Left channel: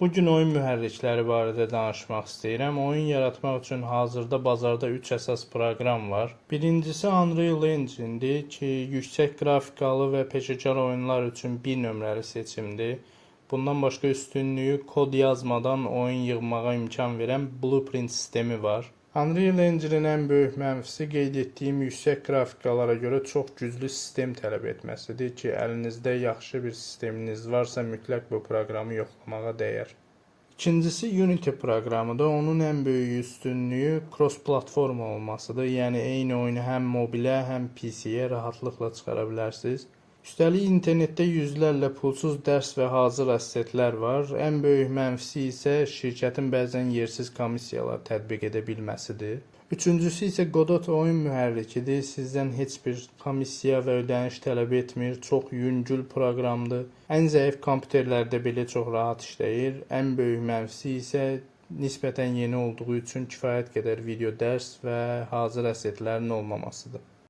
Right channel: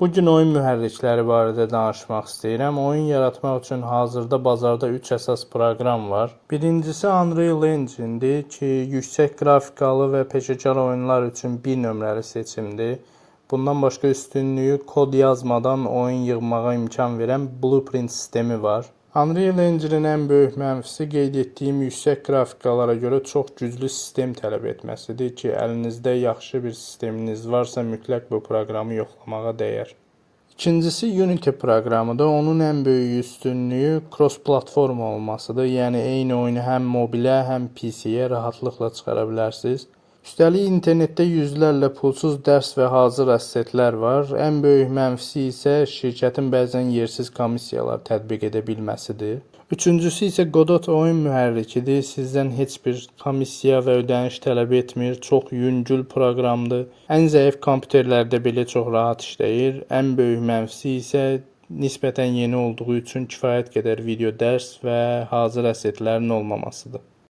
Bugün oyun mühərrikləri barədə danışmaq istəyirəm. Oyun yaratmaq üçün hazırda bazarda 3 əsas proqram var. Birincisi Unreal Engine-dir ki, yüksək qrafikalı və peşəkar oyunlar üçün bir nömrəli seçimdir. Bundan başqa üstünlüyü kod yazmadan oyun yığmağa imkan verən Blueprint sistemi var. Unreal Engine-in ən böyük mənfisi qeyd etdiyim yüksək qrafikalara görə çox güclü sistem tələb etməsidir ki, əlinizdə yaxşı bir sisteminiz varsa mütləq bu proqramı yoxlamağa dəyər. İkincisi Unity proqramıdır. Onun ən böyük üstünlüyü cross-platform olmasıdır. Yəni eyni oyunu həm mobilə, həm PC-yə rahatlıqla çıxara bilərsiniz. Üstəlik internetdə yüzlərlə pulsuz dərs və hazır əssetlər var. Ən böyük mənfisi isə şirkətin bəzən yersiz komissiyalar tətbiq edə bilməsidir. Üçüncüsü isə Godot oyun mühərrikidir. Sizdən heç bir komissiya və ödəniş tələb etmir. Çox yüngül proqramdır. Ən zəif kompüterlərdə belə çox rahat işləyir. Ən böyük mənfisi isə nisbətən yeni olduğu üçün kifayət qədər video dərs və hazır əssetlərin olmamasıdır.